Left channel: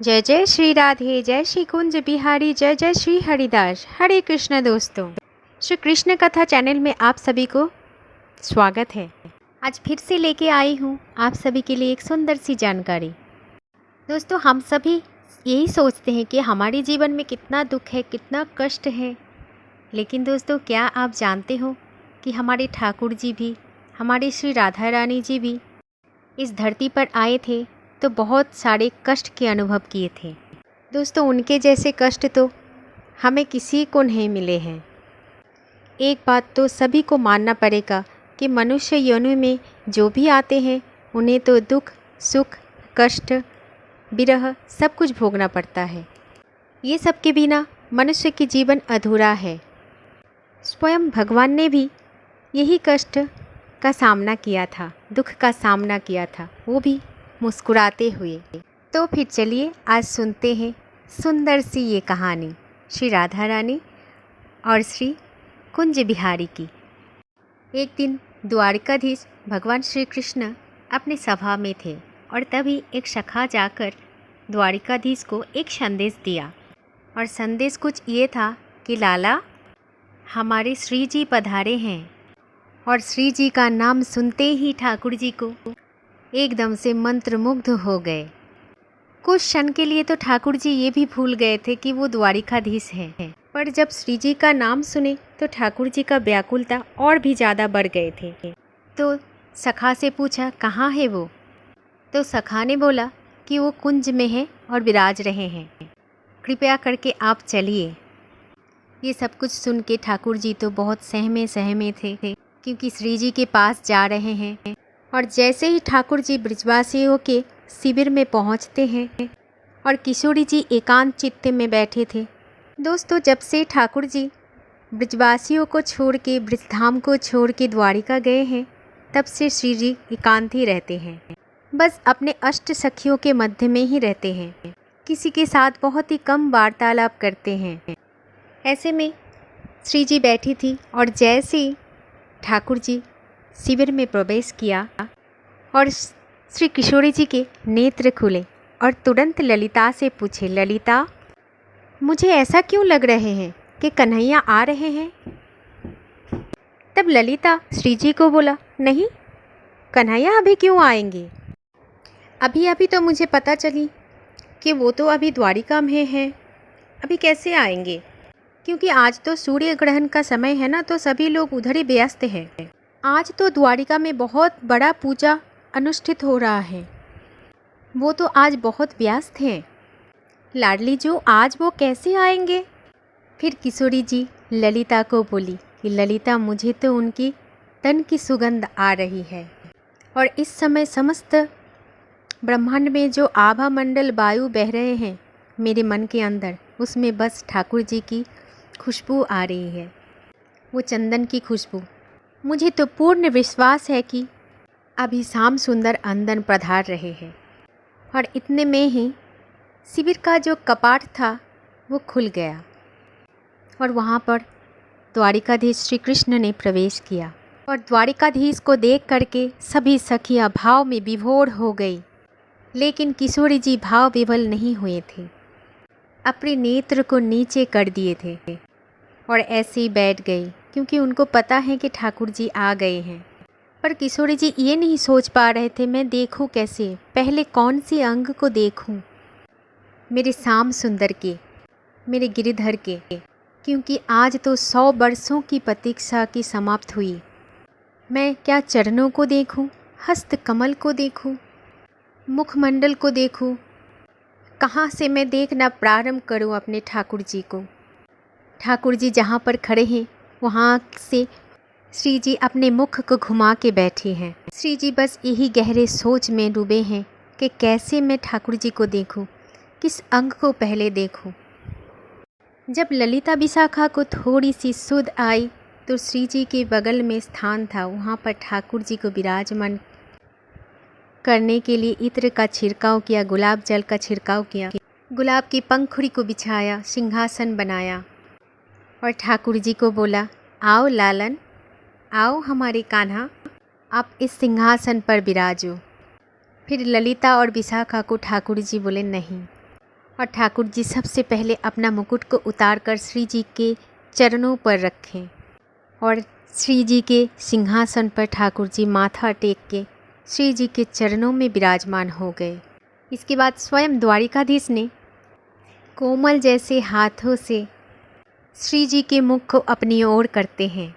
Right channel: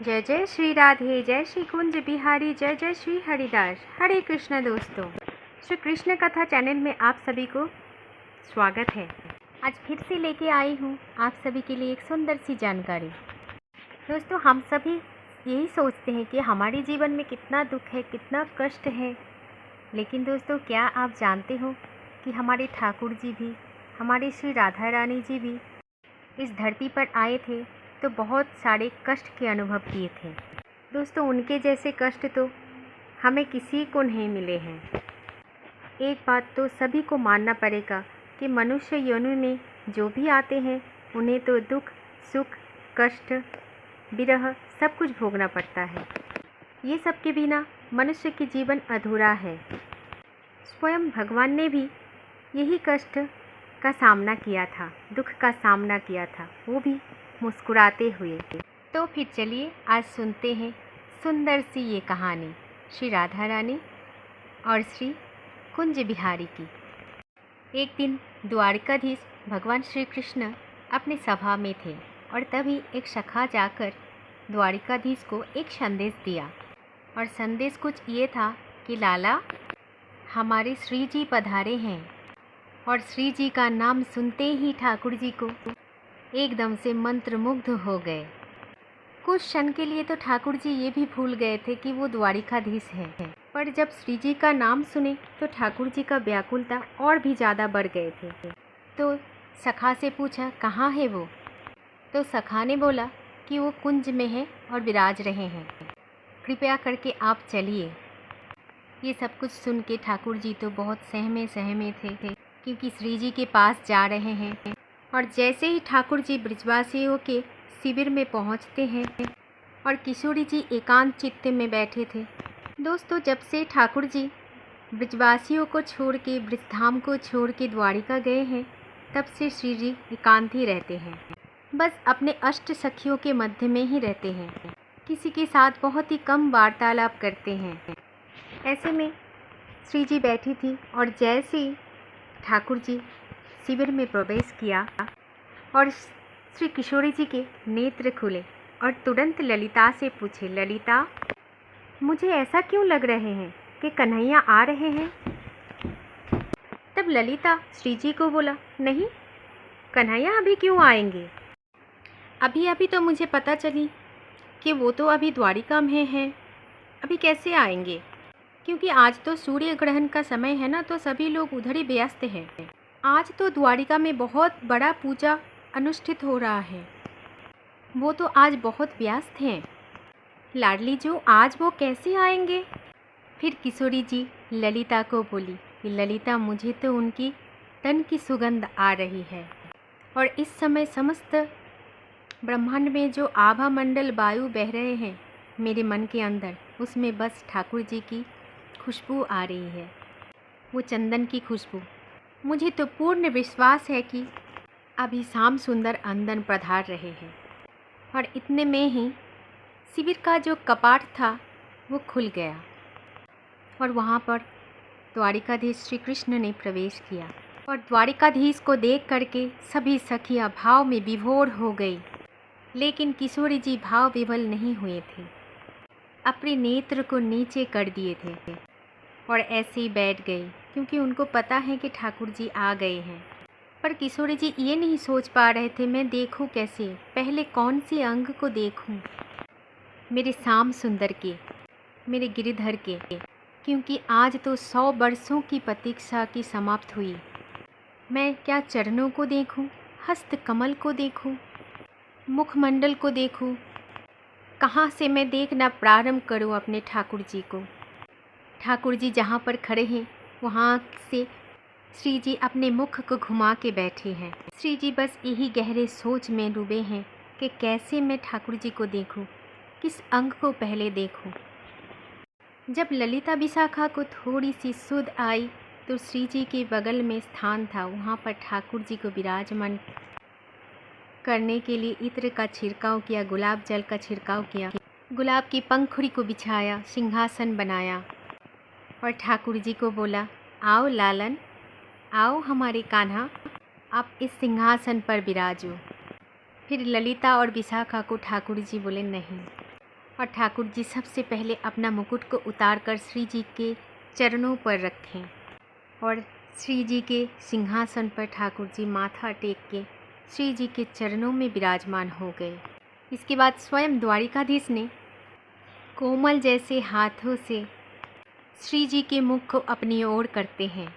जय जय श्री राधे, जय श्री कुंज बिहारी, जय जय श्री हरिदास। हरे कृष्ण दोस्तों, श्री कृष्ण कथा चैनल में आप सभी को स्वागत है। आज फिर से लेके आई हूँ आप सभी के लिए एक सुंदर सी जानकारी। दोस्तों, हम सभी यही सोचते हैं कि हमारे जीवन में कितना दुख है, कितना कष्ट है, लेकिन दोस्तों क्या आप जानते हो कि हमारे ठाकुर जी भी, हमारे श्री राधा रानी जी भी इस धरती पर आए थे तो बहुत सारे कष्ट के अनुभव किए थे। दोस्तों, उनके जैसे कष्ट तो हमें किसी को नहीं मिले हैं। एक बात तो सभी को मानना पड़ेगा कि मनुष्य योनि में जो भी आते हैं उन्हें तो दुख, सुख, कष्ट, विरह सब कुछ भोगना पड़ता है। ये सब के बिना मनुष्य की जीवन अधूरा है। स्वयं भगवान ने भी यही कष्ट का सामना किया था, दुख का सामना किया था, वो भी मुस्कुराते हुए। तो फिर चलिए आज सुनते हैं सुंदर सी ये कहानी श्री राधा रानी और श्री कुंज बिहारी की। एक दिन द्वारिकाधीश भगवान श्री कृष्ण अपनी सभा में थे और तभी एक सखा जाकर द्वारिकाधीश को एक संदेश दिया। और संदेश कुछ ये था कि लाला, हमारे श्री जी पधारे हैं। और श्री जी का नाम सुनते ही ठाकुर जी को एकदम से मंत्रमुग्ध हो गए। कुछ क्षण के लिए तो ठाकुर जी ये भी भूल गए थे कि वो द्वारिकाधीश हैं। पर जब श्री जी का नाम सुने तो ठाकुर जी का व्याकुलता और भी ज़्यादा बढ़ गए थे। तो सखा से पूछा, कहाँ है वो? तो सखा ने बोला कि वो कुंज में है और विराज रहे हैं, कृपया करके आप चलिए। ये सब कुछ सुन के ठाकुर जी तो बहुत सहमे सहमे थे क्योंकि श्री जी के पास जा रहे हैं। और जैसे ही ठाकुर जी ब्रजवासियों के शिविर में पहुंचते हैं और किशोरी जी एकांत चित्त में बैठे थे। दोस्तों, जब से ठाकुर जी ब्रजवासियों को छोड़ के, ब्रजधाम को छोड़ के द्वारिका गए हैं, तब से श्री जी एकांत ही रहते हैं। बस अपने अष्ट सखियों के मध्य में ही रहते हैं, किसी के साथ बहुत ही कम वार्तालाप करते हैं। ऐसे में श्री जी बैठी थी और जैसे ही ठाकुर जी शिविर में प्रवेश किया और श्री किशोरी जी के नेत्र खुले और तुरंत ललिता से पूछे, ललिता, मुझे ऐसा क्यों लग रहे हैं कि कन्हैया आ रहे हैं? तब ललिता श्री जी को बोला, नहीं, कन्हैया अभी क्यों आएंगे? अभी अभी तो मुझे पता चली कि वो तो अभी द्वारिका में हैं, अभी कैसे आएंगे? क्योंकि आज तो सूर्य ग्रहण का समय है ना, तो सभी लोग उधर ही व्यस्त हैं। आज तो द्वारिका में बहुत बड़ा पूजा अनुष्ठित हो रहा है, वो तो आज बहुत व्यस्त हैं। लाडली जो, आज वो कैसे आएंगे? फिर किशोरी जी ललिता को बोली कि ललिता, मुझे तो उनकी तन की सुगंध आ रही है और इस समय समस्त ब्रह्मांड में जो आभा मंडल वायु बह रहे हैं मेरे मन के अंदर, उसमें बस ठाकुर जी की खुशबू आ रही है, वो चंदन की खुशबू। मुझे तो पूर्ण विश्वास है कि अभी श्याम सुंदर अंदर पधार रहे हैं। और इतने में ही शिविर का जो कपाट था वो खुल गया और वहाँ पर द्वारिकाधीश श्री कृष्ण ने प्रवेश किया। और द्वारिकाधीश को देख करके सभी सखियाँ भाव में विभोर हो गई, लेकिन किशोरी जी भाव विवल नहीं हुए थे, अपने नेत्र को नीचे कर दिए थे और ऐसे ही बैठ गई, क्योंकि उनको पता है कि ठाकुर जी आ गए हैं। पर किशोरी जी ये नहीं सोच पा रहे थे, मैं देखूं कैसे, पहले कौन सी अंग को देखूं, मेरे श्याम सुंदर के, मेरे गिरिधर के, क्योंकि आज तो 100 वर्षों की प्रतीक्षा की समाप्त हुई। मैं क्या चरणों को देखूं, हस्त कमल को देखूं, मुखमंडल को देखूं, कहाँ से मैं देखना प्रारंभ करूं अपने ठाकुर जी को? ठाकुर जी जहाँ पर खड़े हैं वहाँ से श्री जी अपने मुख को घुमा के बैठे हैं। श्री जी बस यही गहरे सोच में डूबे हैं कि कैसे मैं ठाकुर जी को देखूं, किस अंग को पहले देखूं। जब ललिता विशाखा को थोड़ी सी सुध आई तो श्री जी के बगल में स्थान था, वहाँ पर ठाकुर जी को विराजमान करने के लिए इत्र का छिड़काव किया, गुलाब जल का छिड़काव किया, गुलाब की पंखुड़ी को बिछाया, सिंहासन बनाया और ठाकुर जी को बोला, आओ लालन, आओ हमारे कान्हा, आप इस सिंहासन पर विराजो। फिर ललिता और विशाखा को ठाकुर जी बोले, नहीं, और ठाकुर जी सबसे पहले अपना मुकुट को उतारकर श्री जी के चरणों पर रखें और श्री जी के सिंहासन पर ठाकुर जी माथा टेक के श्री जी के चरणों में विराजमान हो गए। इसके बाद स्वयं द्वारिकाधीश ने कोमल जैसे हाथों से श्री जी के मुख को अपनी ओर करते हैं।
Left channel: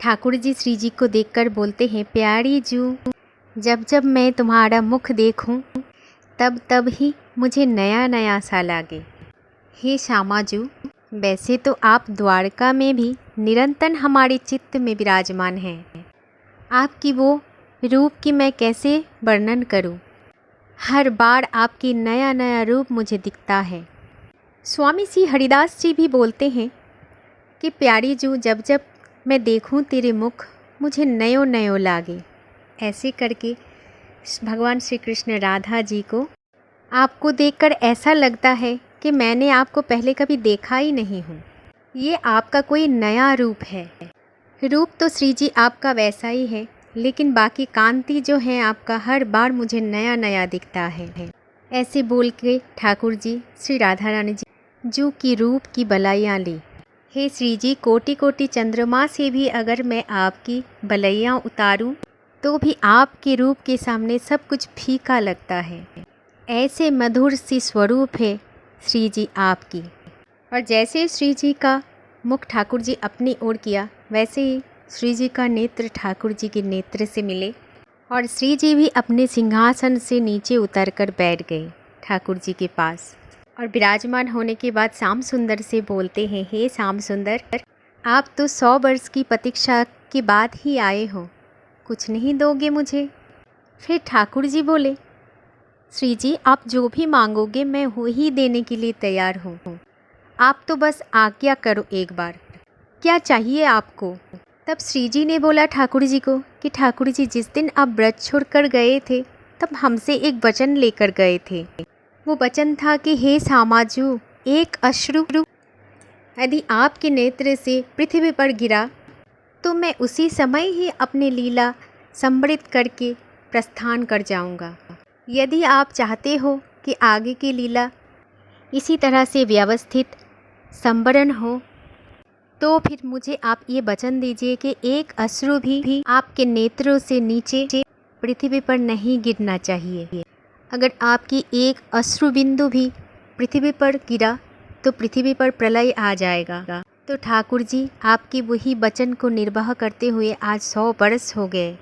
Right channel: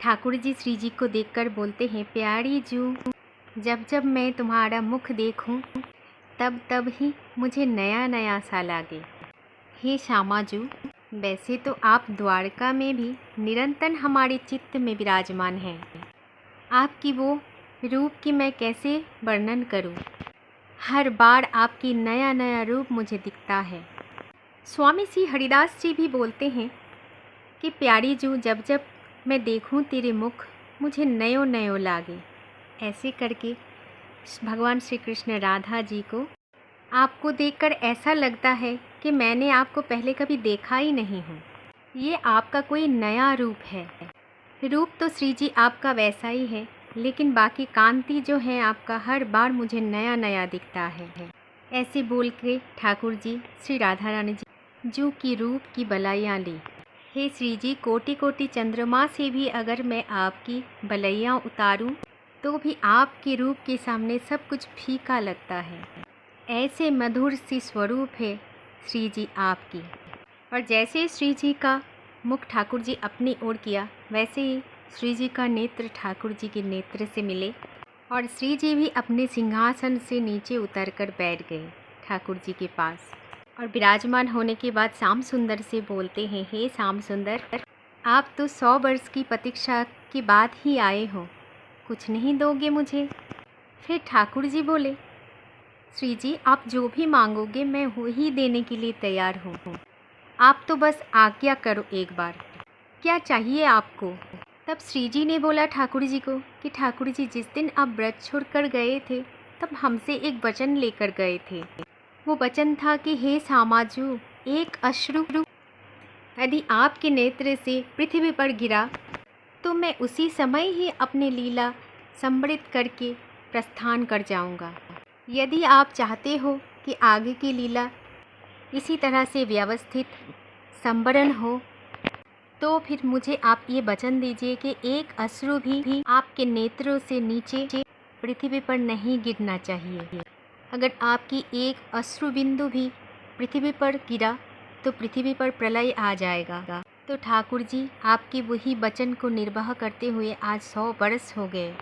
ठाकुर जी श्री जी को देखकर बोलते हैं, प्यारी जू, जब जब मैं तुम्हारा मुख देखूं तब तब ही मुझे नया नया सा लागे। हे श्यामा जू, वैसे तो आप द्वारका में भी निरंतर हमारे चित्त में विराजमान हैं। आपकी वो रूप की मैं कैसे वर्णन करूं। हर बार आपकी नया नया रूप मुझे दिखता है। स्वामी श्री हरिदास जी भी बोलते हैं कि प्यारी जू, जब जब मैं देखूं तेरे मुख मुझे नयो नयो लागे। ऐसे करके भगवान श्री कृष्ण राधा जी को आपको देखकर ऐसा लगता है कि मैंने आपको पहले कभी देखा ही नहीं हूँ। ये आपका कोई नया रूप है। रूप तो श्री जी आपका वैसा ही है, लेकिन बाकी कांति जो है आपका हर बार मुझे नया नया दिखता है। ऐसे बोल के ठाकुर जी श्री राधा रानी जी जू की रूप की बलाइयाँ ली। हे श्री जी, कोटि कोटि चंद्रमा से भी अगर मैं आपकी बलैयाँ उतारूं तो भी आपके रूप के सामने सब कुछ फीका लगता है। ऐसे मधुर सी स्वरूप है श्री जी आपकी। और जैसे श्री जी का मुख ठाकुर जी अपनी ओर किया, वैसे ही श्री जी का नेत्र ठाकुर जी के नेत्र से मिले और श्री जी भी अपने सिंहासन से नीचे उतरकर बैठ गए ठाकुर जी के पास। और विराजमान होने के बाद श्याम सुंदर से बोलते हैं, हे श्याम सुंदर, आप तो 100 वर्ष की प्रतीक्षा के बाद ही आए हो, कुछ नहीं दोगे मुझे? फिर ठाकुर जी बोले, श्री जी, आप जो भी मांगोगे मैं वही देने के लिए तैयार हूँ। आप तो बस आज्ञा करो एक बार, क्या चाहिए आपको? तब श्री जी ने बोला ठाकुर जी को कि ठाकुर जी, जिस दिन आप व्रत छोड़कर गए थे तब हमसे एक वचन लेकर गए थे। वो वचन था कि हे सामाजू, एक अश्रु यदि आपके नेत्र से पृथ्वी पर गिरा तो मैं उसी समय ही अपने लीला संवृत करके प्रस्थान कर जाऊंगा। यदि आप चाहते हो कि आगे की लीला इसी तरह से व्यवस्थित संवरण हो तो फिर मुझे आप ये वचन दीजिए कि एक अश्रु भी आपके नेत्रों से नीचे पृथ्वी पर नहीं गिरना चाहिए। अगर आपकी एक अश्रु बिंदु भी पृथ्वी पर गिरा तो पृथ्वी पर प्रलय आ जाएगा। तो ठाकुर जी, आपकी वही वचन को निर्वाह करते हुए आज 100 वर्ष हो गए,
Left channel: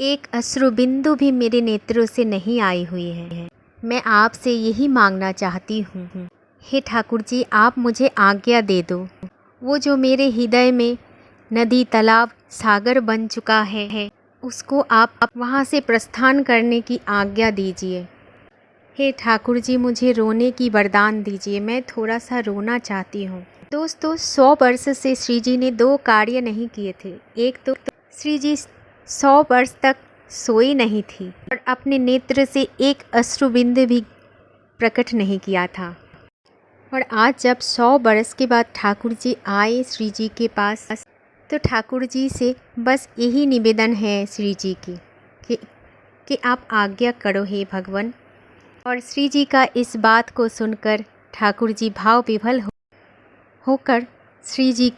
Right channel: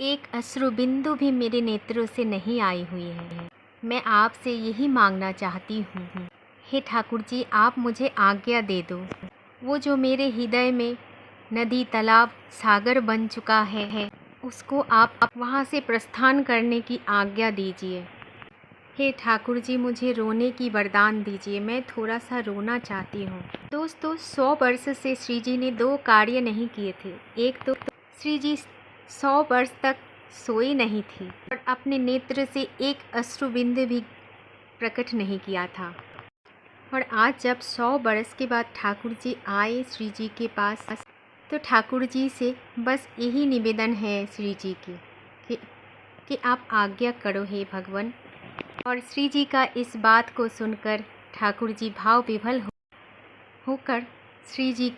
एक अश्रु बिंदु भी मेरे नेत्रों से नहीं आई हुई है। मैं आपसे यही मांगना चाहती हूँ, हे ठाकुर जी, आप मुझे आज्ञा दे दो। वो जो मेरे हृदय में नदी तालाब सागर बन चुका है उसको आप वहाँ से प्रस्थान करने की आज्ञा दीजिए। हे ठाकुर जी, मुझे रोने की वरदान दीजिए, मैं थोड़ा सा रोना चाहती हूँ। दोस्तों, 100 वर्ष से श्री जी ने 2 कार्य नहीं किए थे। एक तो श्री जी 100 वर्ष तक सोई नहीं थी और अपने नेत्र से एक अश्रुबिंदु भी प्रकट नहीं किया था। और आज जब 100 वर्ष के बाद ठाकुर जी आए श्री जी के पास, तो ठाकुर जी से बस यही निवेदन है श्री जी की कि आप आज्ञा करो हे भगवान। और श्री जी का इस बात को सुनकर ठाकुर जी भाव विभल होकर श्री जी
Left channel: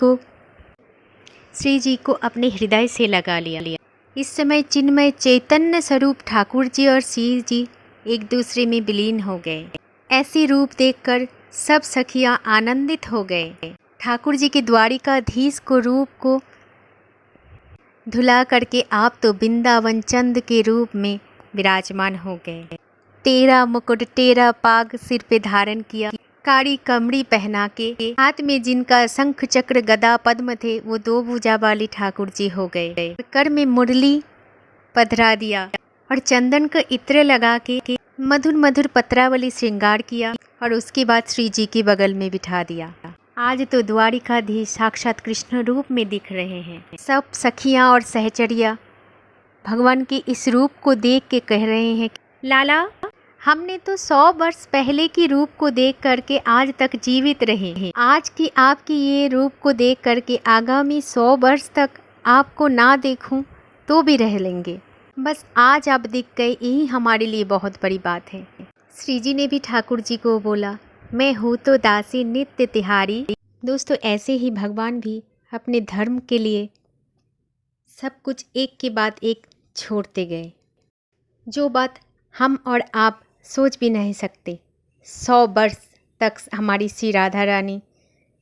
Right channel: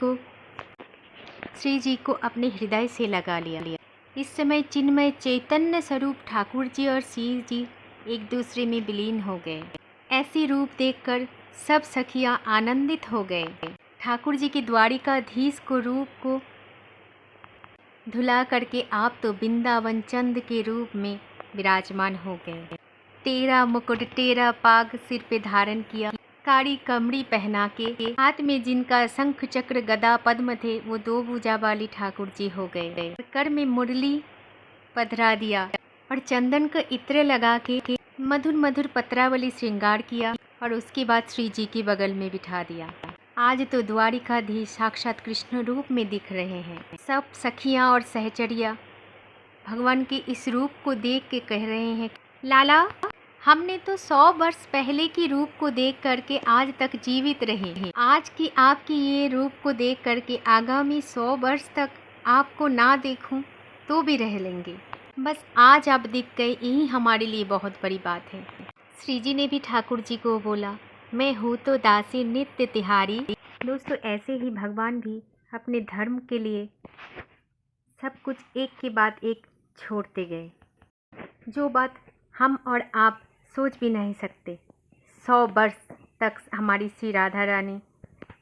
को अपने हृदय से लगा लिया। इस समय चिन्मय चैतन्य स्वरूप ठाकुर जी और श्री जी एक दूसरे में विलीन हो गए। ऐसी रूप देखकर सब सखियां आनंदित हो गए। ठाकुर जी के द्वारिकाधीश को रूप को धुला करके आप तो वृंदावन चंद के रूप में विराजमान हो गए। 13 मुकुट 13 पाग सिर पे धारण किया, कारी कमड़ी पहना के, हाथ में जिनका शंख चक्र गदा पद्म थे वो 2 भुजा वाली ठाकुर जी हो गए। कर में मुरली पधरा दिया और चंदन का इत्र लगा के मधुर मधुर पत्रावली श्रृंगार किया और उसके बाद श्री जी के बगल में बिठा दिया। आज तो द्वारिकाधीश साक्षात कृष्ण रूप में दिख रहे हैं। सब सखियां और सहचरिया भगवान के इस रूप को देख के कह रहे हैं, लाला, हमने तो 100 वर्ष पहले की रूप को देख करके आज तक जीवित रहे हैं। आज की आपकी ये रूप को देख करके आगामी 100 वर्ष तक आपको ना देखूं तो भी रह लेंगे। बस आज आप दिख गए, यही हमारे लिए बहुत बड़ी बात है। श्री जी ने भी ठाकुर जी को बोला, मैं हूँ तो दासी नित्य तिहारी। दोस्तों, ऐसे ही भगवान भी अपने धर्म के लिए सब कुछ एक के बाद एक छोड़ते गए, जो बात हम और आप सोच भी नहीं सकते। 100 वर्ष तक हमारी श्री राधा रानी,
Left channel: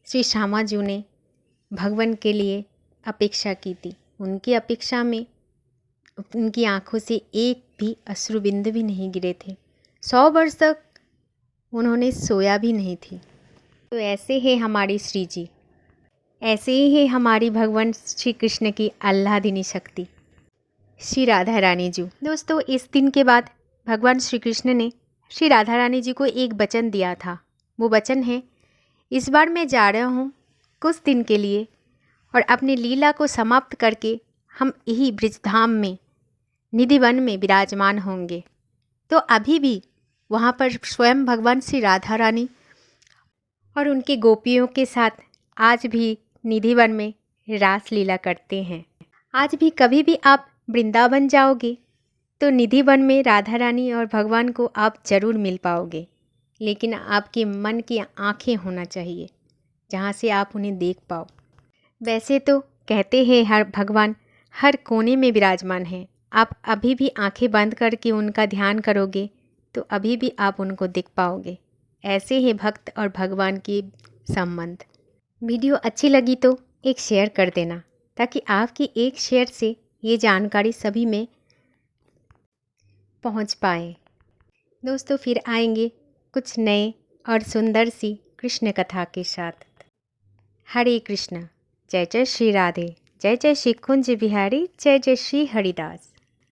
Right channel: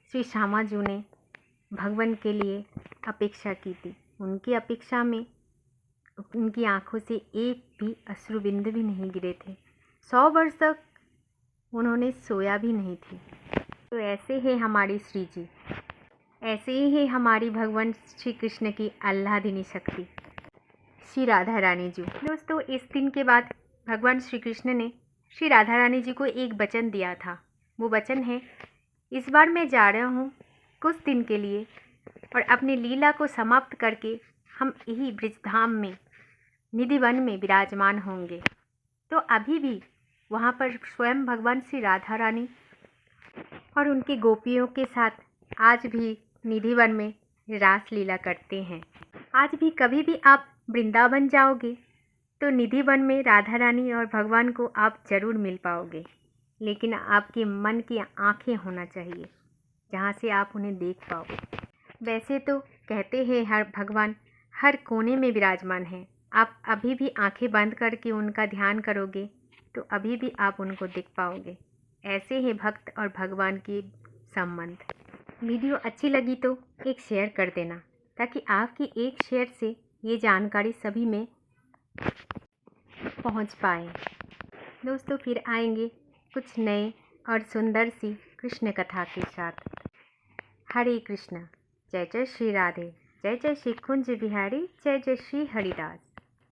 श्री श्यामा जी ने भगवान के लिए अपेक्षा की थी। उनकी अपेक्षा में उनकी आंखों से एक भी अश्रु बिंदु भी नहीं गिरे थे। 100 वर्ष तक उन्होंने सोया भी नहीं थी। तो ऐसे है हमारी श्री जी, ऐसे ही है हमारी भगवान श्री कृष्ण की आह्लादिनी शक्ति श्री राधा रानी जी। दोस्तों, इस दिन के बाद भगवान श्री कृष्ण ने श्री राधा रानी जी को एक वचन दिया था। वो वचन है, इस बार मैं जा रहा हूँ कुछ दिन के लिए और अपनी लीला को समाप्त करके हम यही ब्रजधाम में निधिवन में विराजमान होंगे। तो अभी भी वहाँ पर स्वयं भगवान श्री राधा रानी और उनके गोपियों के साथ आज भी निधिवन में रास लीला करते हैं। आज भी कभी भी आप वृंदावन जाओगे तो निधिवन में राधा रानी और भगवान को आप ज़रूर मिल पाओगे, लेकिन आपके मन की आँखें होना चाहिए जहाँ से आप उन्हें देख पाओ। वैसे तो कहते हैं हर भगवान हर कोने में विराजमान है। आप अभी भी आंखें बंद करके उनका ध्यान करोगे तो अभी भी आप उनको देख पाओगे। ऐसे ही भक्त और भगवान के संबंध। वीडियो अच्छी लगी तो एक शेयर कर देना, ताकि आपकी एक शेयर से ये जानकारी सभी में पहुंच पाए। दोस्तों, फिर आएंगे कुछ नए और सुंदर सी कृष्ण कथा के साथ। हरे कृष्ण। जय जय श्री राधे, जय जय श्री कुंज बिहारी, जय जय श्री हरिदास।